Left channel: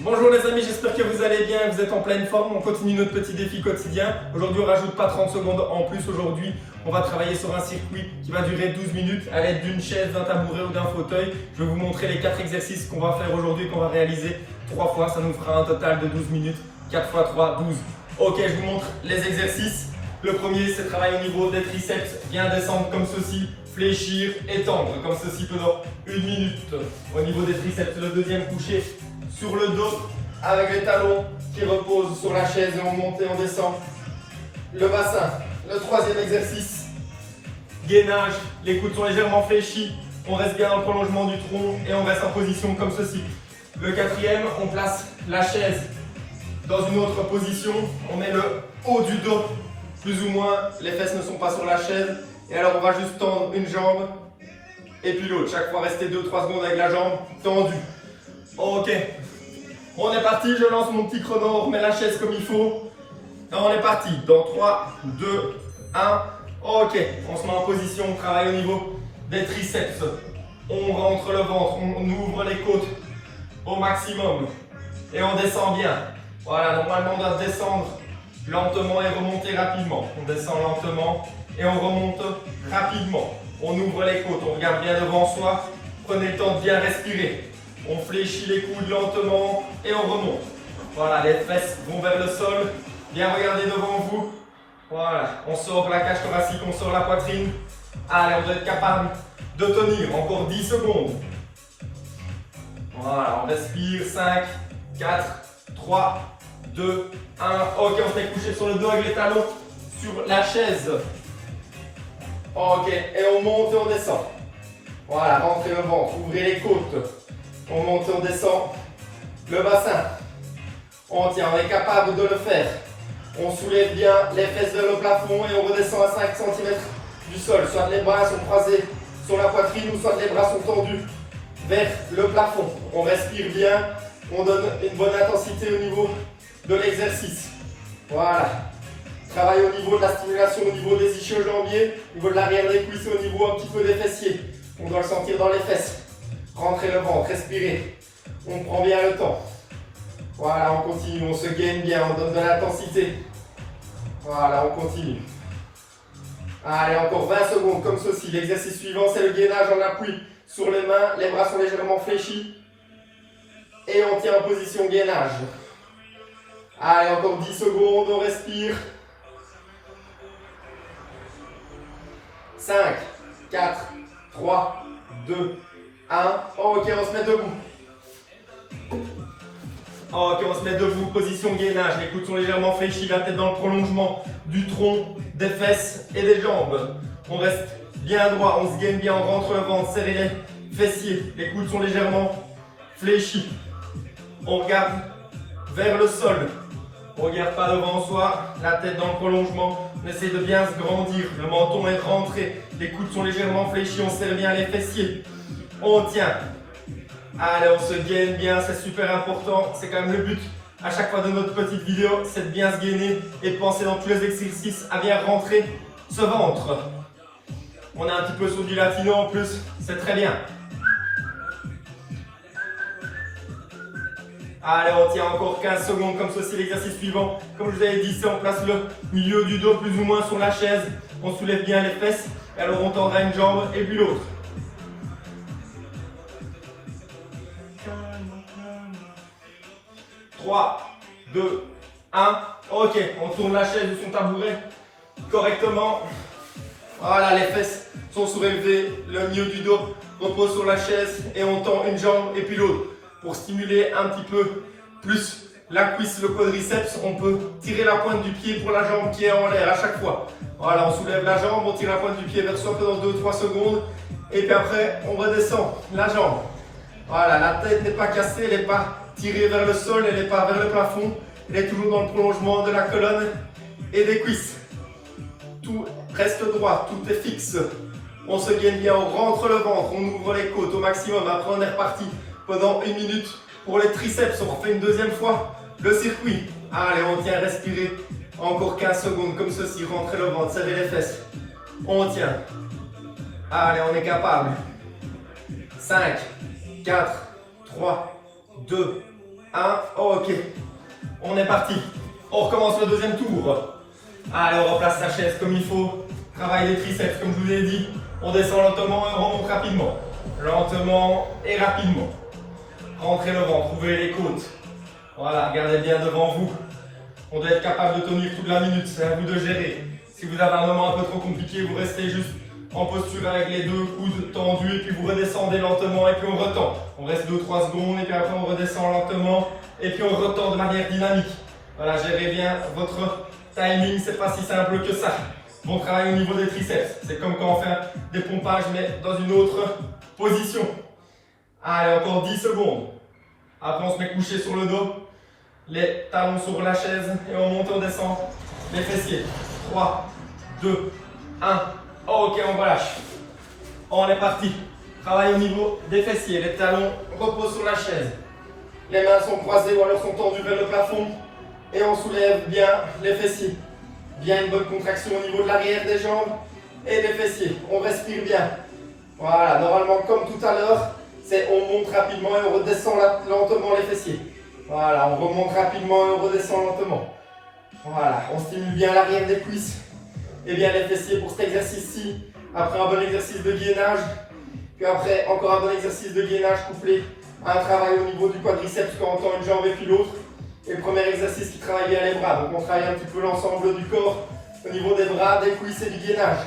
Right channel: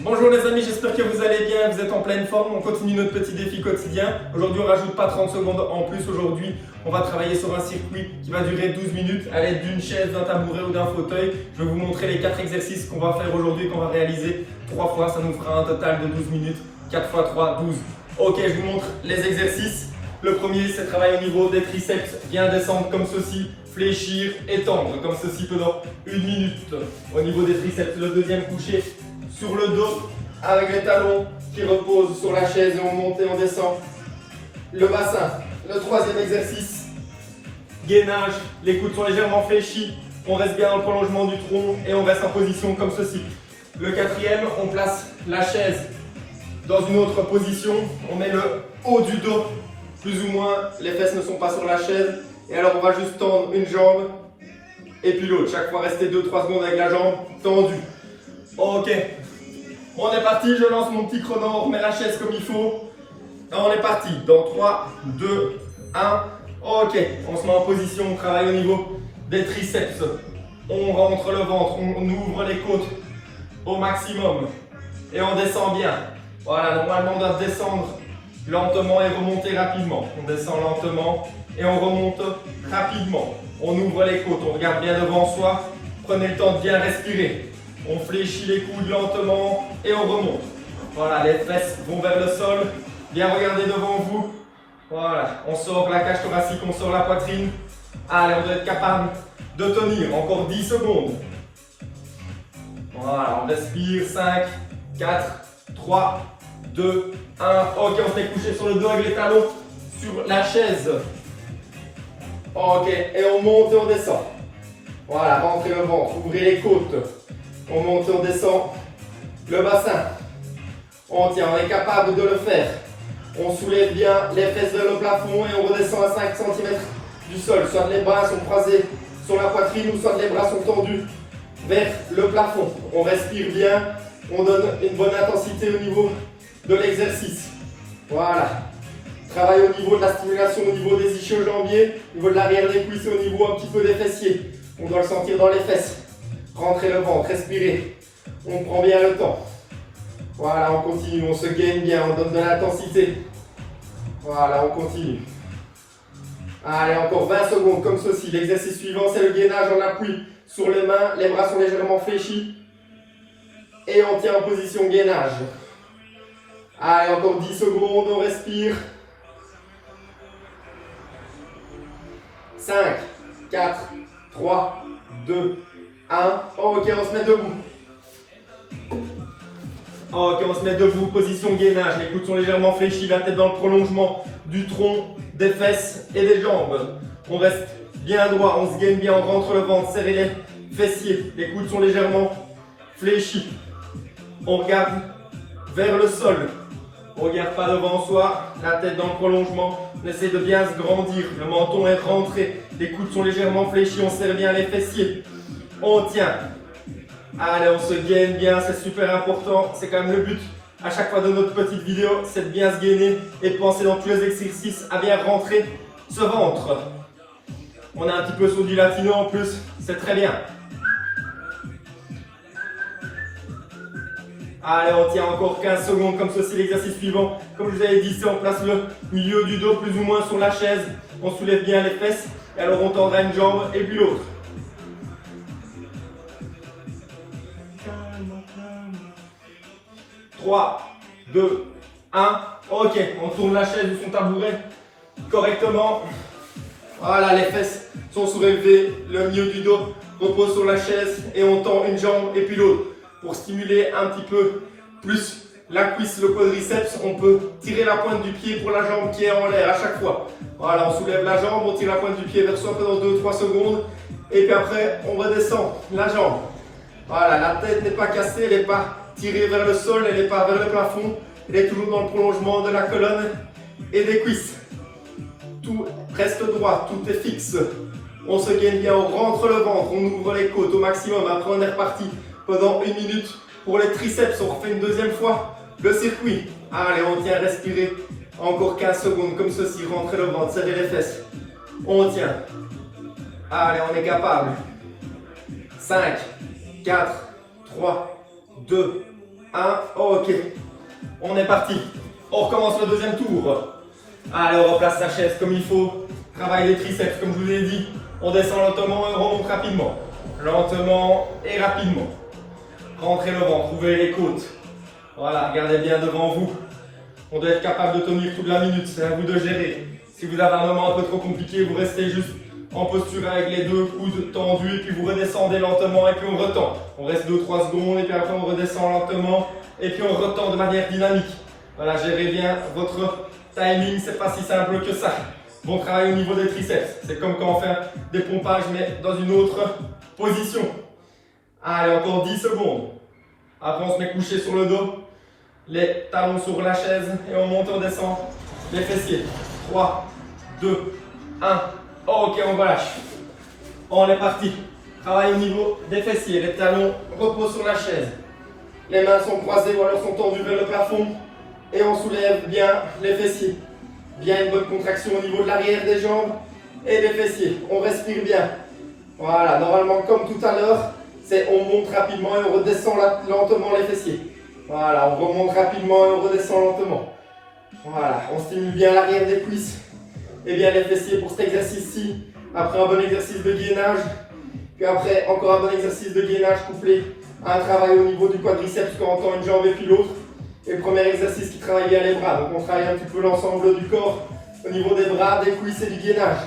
Bonjour les amis, j'espère que vous allez bien, vous êtes en pleine forme, on continue notre petit défi quotidien. Aujourd'hui on rajoute pas 30 secondes en plus, aujourd'hui on va travailler sur un circuit qui va durer 12 minutes à l'aide d'une chaise, d'un tabouret ou d'un fauteuil. Je vais vous montrer les 4 exercices qu'on va faire aujourd'hui et qu'on va réaliser 3 fois, ça nous fera un total de 12 minutes, 4 x 3, 12. Ok, je vous montre les exercices. Le premier c'est travailler au niveau des triceps, bien descendre comme ceci, fléchir, étendre comme ceci pendant 1 minute au niveau des triceps. Le deuxième coucher sur le dos avec les talons qui reposent sur la chaise et on monte et on descend le bassin. Le troisième exercice, gainage, les coudes sont légèrement fléchis, on reste bien en prolongement du tronc et on reste en position comme ceci. Le quatrième, on place la chaise dans une autre position, on met le haut du dos, plus ou moins, les fesses ne sont pas sur la chaise et alors on va juste tendre une jambe et puis l'autre, chaque fois rester 2-3 secondes avec la jambe tendue. Ok, on est parti, je lance mon petit chrono, on remet la chaise comme il faut. Et on est parti, dans 3, 2, 1. Ok, on se met en position, on travaille au niveau des triceps. On rentre le ventre, on ouvre les côtes au maximum. Et on descend bien. Voilà, normalement on doit descendre lentement et remonter rapidement. On descend lentement et on remonte rapidement. On ouvre les côtes, on regarde bien devant soi. Prenez le temps de bien respirer. On fléchit les coudes lentement et on remonte. Voilà, les fesses vont vers le sol. Bien regarder devant vous. Voilà, on sort la cage thoracique, on sort la poitrine. Allez, on doit être capable de tenir. Encore 10 secondes. Voilà, on respire. 5, 4, 3, 2, 1. Ok, on s'est couché sur le dos avec les talons sur la chaise. Ok, et on monte et on descend. Voilà, rentrez le ventre, ouvrez les côtes. On monte et on descend le bassin. On tient, on est capable de le faire. On soulève bien les fesses vers le plafond et on redescend à 5 cm du sol. Soit les bras sont croisés sur la poitrine ou soit les bras sont tendus vers le plafond. On respire bien, on donne une bonne intensité au niveau de l'exercice. Voilà. Travail au niveau de la stimulation, au niveau des ischio-jambiers, au niveau de l'arrière des cuisses et au niveau un petit peu des fessiers. On doit le sentir dans les fesses. Rentrez le ventre, respirez. On prend bien le temps. Voilà, on continue, on se gaine bien, on donne de l'intensité. Voilà, on continue. Allez, encore 20 secondes comme ceci. L'exercice suivant, c'est le gainage en appui sur les mains. Les bras sont légèrement fléchis. Et on tient en position gainage. Allez, encore 10 secondes, on respire. 5, 4, 3, 2, 1. Ok, on se met debout. Ok, on se met debout, position gainage. Les coudes sont légèrement fléchis, la tête dans le prolongement du tronc, des fesses et des jambes. On reste bien droit, on se gaine bien, on rentre le ventre, serrez les fessiers. Les coudes sont légèrement fléchis. On regarde vers le sol. On ne regarde pas devant soi, la tête dans le prolongement. On essaie de bien se grandir, le menton est rentré. Les coudes sont légèrement fléchis, on serre bien les fessiers. On tient. Allez, on se gaine bien, c'est super important. C'est quand même le but à chaque fois de notre petite vidéo, c'est de bien se gainer et de penser dans tous les exercices à bien rentrer ce ventre. On a un petit peu sur du latino en plus, c'est très bien. Allez, on tient encore 15 secondes comme ceci, l'exercice suivant. Comme je vous avais dit, c'est on place le milieu du dos plus ou moins sur la chaise. On soulève bien les fesses et alors on tendra une jambe et puis l'autre. 3, 2, 1. Ok, on tourne la chaise ou son tabouret correctement. Voilà, les fesses sont soulevées, le milieu du dos repose sur la chaise et on tend une jambe et puis l'autre. Pour stimuler un petit peu plus la cuisse, le quadriceps, on peut tirer la pointe du pied pour la jambe qui est en l'air à chaque fois. Voilà, on soulève la jambe, on tire la pointe du pied vers soi pendant 2-3 secondes et puis après on redescend la jambe. Voilà, la tête n'est pas cassée, elle n'est pas tirée vers le sol, elle n'est pas vers le plafond, elle est toujours dans le prolongement de la colonne et des cuisses. Tout reste droit, tout est fixe. On se gaine bien, on rentre le ventre, on ouvre les côtes au maximum, après on est reparti pendant 1 minute. Pour les triceps, on refait une deuxième fois le circuit. Allez, on tient, respirez. Encore 15 secondes comme ceci, rentrez le ventre, serrez les fesses. On tient. Allez, on est capable. 5, 4, 3, 2, 1. Ok. On est parti. On recommence le deuxième tour. Allez, on replace la chaise comme il faut. Travaille les triceps comme je vous ai dit. On descend lentement et on remonte rapidement. Lentement et rapidement. Rentrez le ventre, ouvrez les côtes. Voilà, regardez bien devant vous. On doit être capable de tenir toute la minute, c'est à vous de gérer. Si vous avez un moment un peu trop compliqué, vous restez juste en posture avec les deux coudes tendus et puis vous redescendez lentement et puis on retend. On reste 2-3 secondes et puis après on redescend lentement et puis on retend de manière dynamique. Voilà, gérez bien votre timing, c'est pas si simple que ça. Bon travail au niveau des triceps, c'est comme quand on fait des pompages mais dans une autre position. Allez, encore 10 secondes. Après on se met couché sur le dos, les talons sur la chaise et on monte, on descend les fessiers. 3, 2, 1. Ok, on relâche. On est parti. Travail au niveau des fessiers. Les talons reposent sur la chaise. Les mains sont croisées ou alors sont tendues vers le plafond. Et on soulève bien les fessiers. Bien une bonne contraction au niveau de l'arrière des jambes et des fessiers. On respire bien. Voilà, normalement comme tout à l'heure, c'est on monte rapidement et on redescend lentement les fessiers. Voilà, on remonte rapidement et on redescend lentement. Voilà, on stimule bien l'arrière des cuisses et bien les fessiers pour cet exercice-ci. Après un bon exercice de gainage, puis après encore un bon exercice de gainage couplé à un travail au niveau du quadriceps quand on tend une jambe et puis l'autre. Et le premier exercice qui travaille bien les bras. Donc on travaille un petit peu l'ensemble du corps au niveau des bras, des cuisses et du gainage.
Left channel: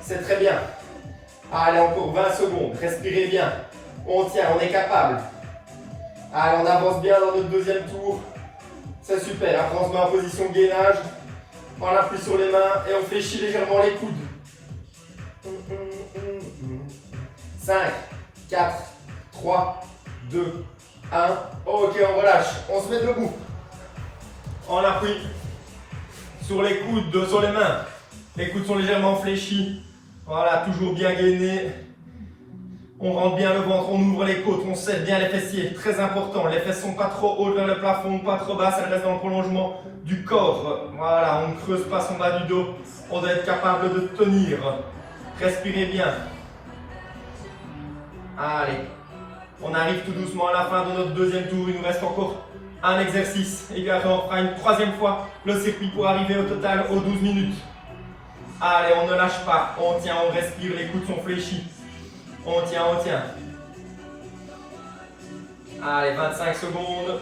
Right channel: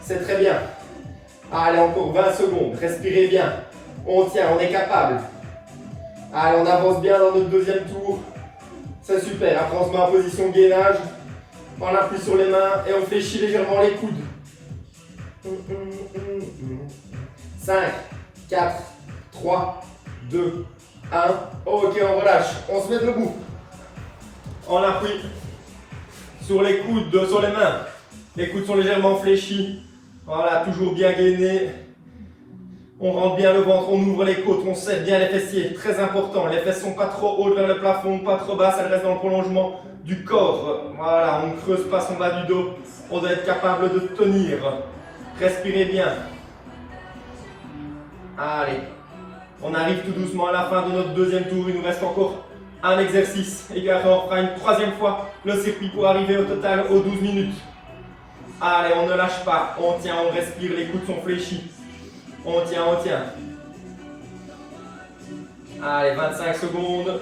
C'est très bien. Allez, encore 20 secondes. Respirez bien. On tient, on est capable. Allez, on avance bien dans notre deuxième tour. C'est super. Après, on se met en position gainage. On appuie sur les mains et on fléchit légèrement les coudes. 5, 4, 3, 2, 1. Ok, on relâche. On se met debout. On appuie sur les coudes, sur les mains. Les coudes sont légèrement fléchis. Voilà, toujours bien gainé. On rentre bien le ventre, on ouvre les côtes, on serre bien les fessiers. Très important. Les fesses ne sont pas trop hautes vers le plafond, pas trop basses, elles restent dans le prolongement du corps. Voilà, on ne creuse pas son bas du dos. On doit être capable de tenir. Respirez bien. Allez. On arrive tout doucement à la fin de notre deuxième tour. Il nous reste encore un exercice. Et puis après, on fera une troisième fois le circuit pour arriver au total aux 12 minutes. Allez, on ne lâche pas. On tient, on respire. Les coudes sont fléchis. On tient, on tient. Allez, 25 secondes.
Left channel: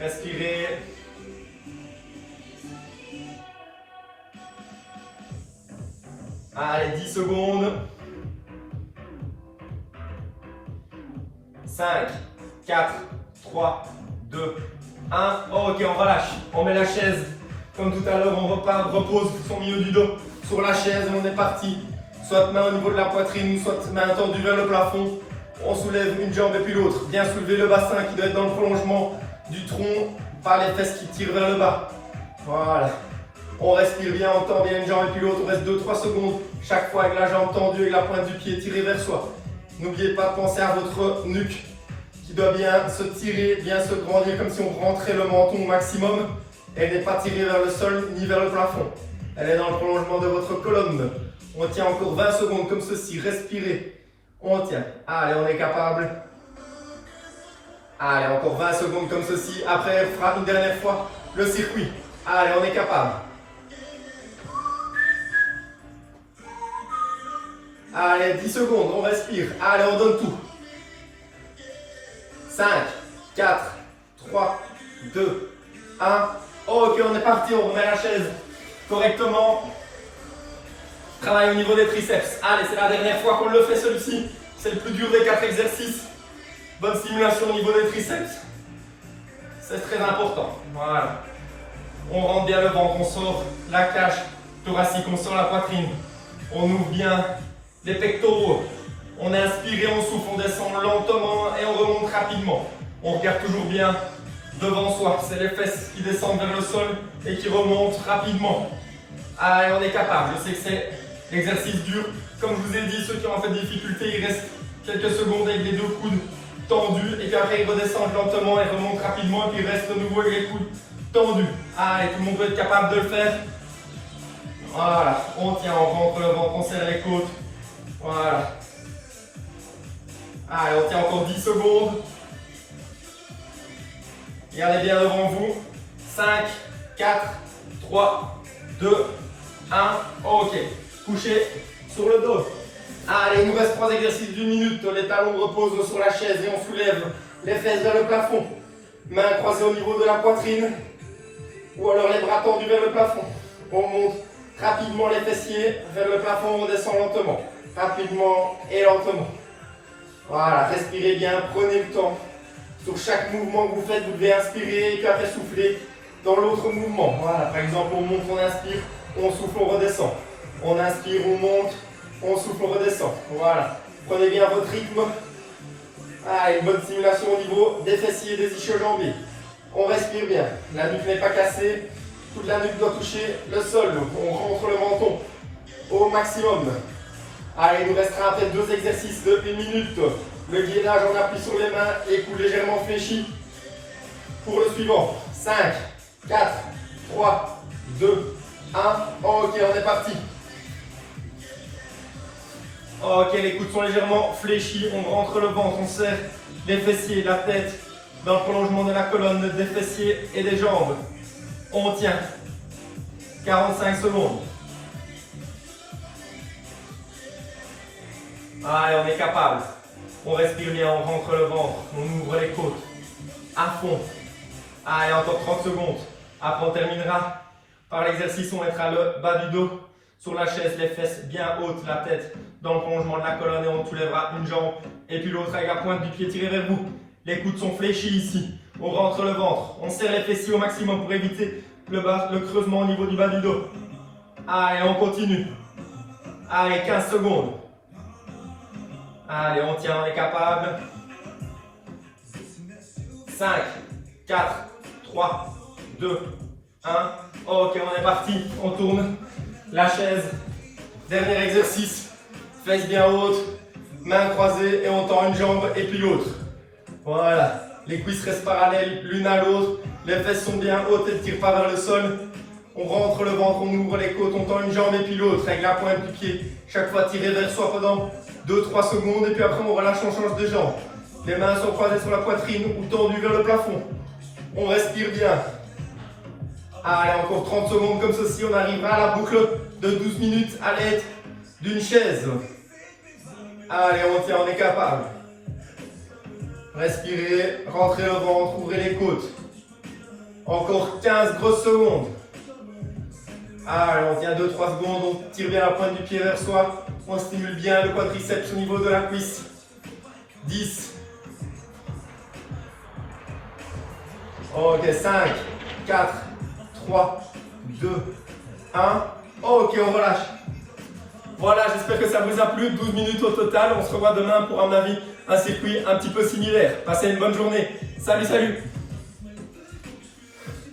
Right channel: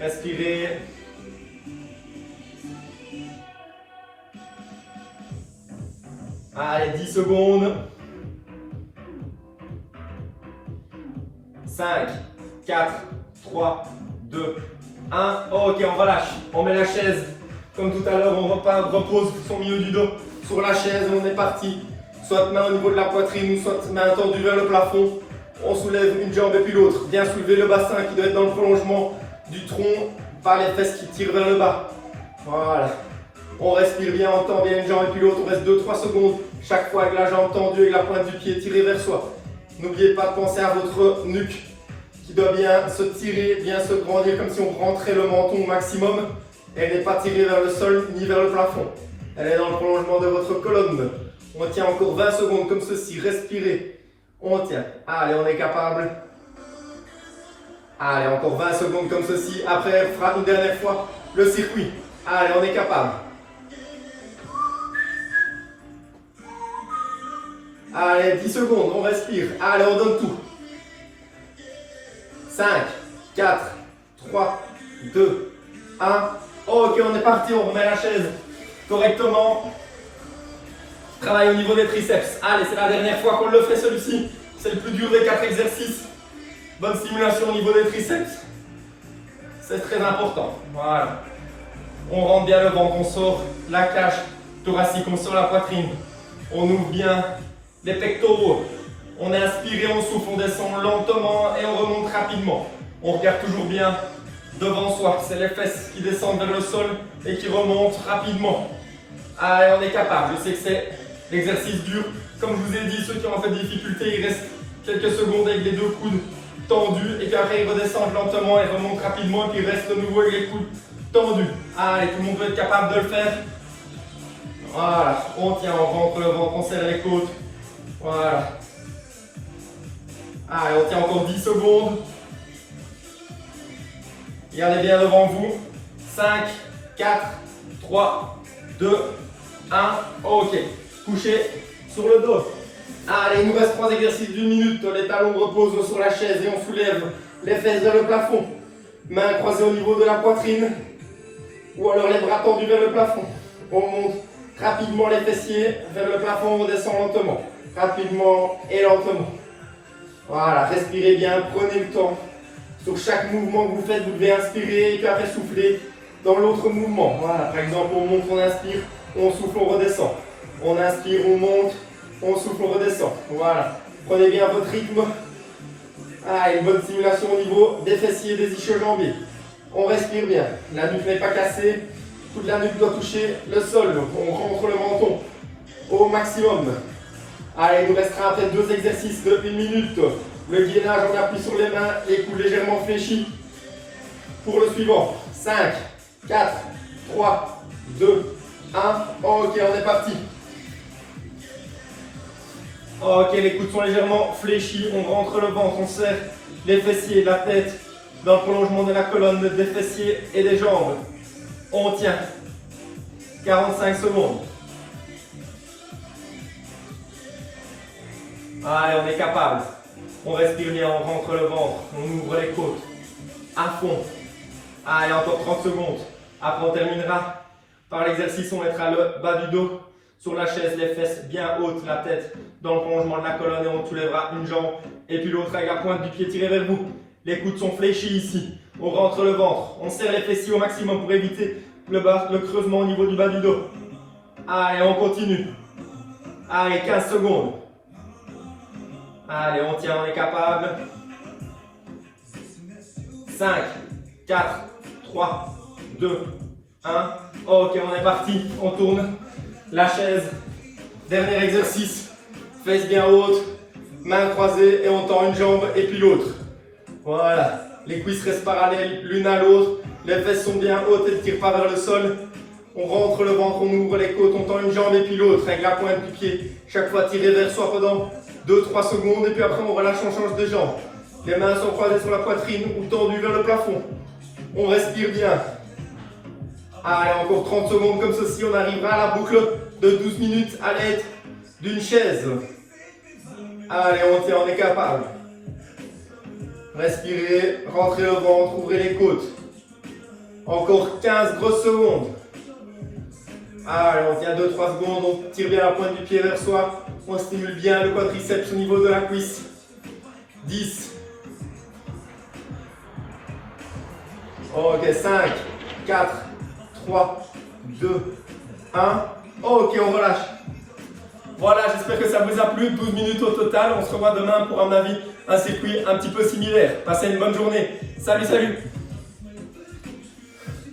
Respirez. Allez, 10 secondes. 5, 4, 3, 2, 1. Ok, on relâche. On met la chaise. Comme tout à l'heure, on repose son milieu du dos sur la chaise. On est parti. Soit main au niveau de la poitrine, soit main tendue vers le plafond. On soulève une jambe et puis l'autre. Bien soulever le bassin qui doit être dans le prolongement du tronc, pas les fesses qui tirent vers le bas. Voilà. On respire bien, on tend bien une jambe et puis l'autre. On reste 2-3 secondes chaque fois avec la jambe tendue et la pointe du pied tirée vers soi. N'oubliez pas de penser à votre nuque qui doit bien se tirer, bien se grandir comme si on rentrait le menton au maximum. Elle n'est pas tirée vers le sol ni vers le plafond. Elle est dans le prolongement de votre colonne. On tient encore 20 secondes comme ceci. Respirez. On tient. Allez, on est capable. Allez, encore 20 secondes comme ceci. Après, on fera une dernière fois le circuit. Allez, on est capable. Allez, 10 secondes, on respire. Allez, on donne tout. 5, 4, 3, 2, 1. Ok, on est parti, on remet la chaise correctement. Travail au niveau des triceps. Allez, c'est la dernière fois qu'on le fait celui-ci. C'est le plus dur des 4 exercices. Bonne stimulation au niveau des triceps. C'est très important. Voilà. On rentre bien le ventre, on sort la cage thoracique, on sort la poitrine. On ouvre bien les pectoraux. On inspire et on souffle, on descend lentement et on remonte rapidement. On regarde toujours bien devant soi. C'est les fesses qui descendent vers le sol et qui remontent rapidement. Allez, on est capable. Je sais que c'est l'exercice dur. Comme je vous ai dit, ceux qui ont fait des difficultés, il reste quelques secondes avec les deux coudes tendus et puis après ils redescendent lentement et remontent rapidement et puis ils restent de nouveau avec les coudes tendus. Allez, tout le monde doit être capable de le faire. Voilà, on tient, on rentre le ventre, on serre les côtes. Voilà. Allez, on tient encore 10 secondes. Regardez bien devant vous. 5, 4, 3, 2, 1. Ok. Couchez sur le dos. Allez, il nous reste 3 exercices d'une minute. Les talons reposent sur la chaise et on soulève les fesses vers le plafond. Mains croisées au niveau de la poitrine. Ou alors les bras tendus vers le plafond. On monte rapidement les fessiers vers le plafond, on redescend lentement. Rapidement et lentement. Voilà, respirez bien, prenez le temps. Sur chaque mouvement que vous faites, vous devez inspirer et puis après souffler dans l'autre mouvement. Voilà, par exemple, on monte, on inspire, on souffle, on redescend. On inspire, on monte, on souffle, on redescend. Voilà, prenez bien votre rythme. Ah, une bonne stimulation au niveau des fessiers et des ischio-jambiers. On respire bien, la nuque n'est pas cassée, toute la nuque doit toucher le sol. On rentre le menton au maximum. Allez, il nous restera après 2 exercices de 1 minute. Le gainage, on appuie sur les mains et coude légèrement fléchi. Pour le suivant, 5, 4, 3, 2, 1. Ok, on est parti. Ok, les coudes sont légèrement fléchis. On rentre le ventre, on serre les fessiers, la tête dans le prolongement de la colonne, des fessiers et des jambes. On tient. 45 secondes. Allez, on est capable. On respire bien, on rentre le ventre, on ouvre les côtes. À fond. Allez, encore 30 secondes. Après, on terminera par l'exercice. On mettra le bas du dos sur la chaise, les fesses bien hautes, la tête dans le prolongement de la colonne et on soulèvera une jambe et puis l'autre avec la pointe du pied tirée vers vous. Les coudes sont fléchis ici. On rentre le ventre. On serre les fessiers au maximum pour éviter le creusement au niveau du bas du dos. Allez, on continue. Allez, 15 secondes. Allez, on tient, on est capable. 5, 4, 3, 2, 1. Ok, on est parti. On tourne la chaise. Dernier exercice. Fesses bien hautes, mains croisées et on tend une jambe et puis l'autre. Voilà. Les cuisses restent parallèles l'une à l'autre. Les fesses sont bien hautes et ne tirent pas vers le sol. On rentre le ventre, on ouvre les côtes, on tend une jambe et puis l'autre avec la pointe du pied. Chaque fois tiré vers soi pendant 2-3 secondes et puis après on relâche, on change de jambe. Les mains sont croisées sur la poitrine ou tendues vers le plafond. On respire bien. Allez, encore 30 secondes comme ceci, on arrivera à la boucle de 12 minutes à l'aide d'une chaise. Allez, on tient, on est capable. Respirez, rentrez le ventre, ouvrez les côtes. Encore 15 grosses secondes. Allez, on tient 2-3 secondes, on tire bien la pointe du pied vers soi. On stimule bien le quadriceps au niveau de la cuisse. 10. Ok, 5, 4, 3, 2, 1. Ok, on relâche. Voilà, j'espère que ça vous a plu. 12 minutes au total. On se revoit demain pour, à mon avis, un circuit un petit peu similaire. Passez une bonne journée. Salut, salut!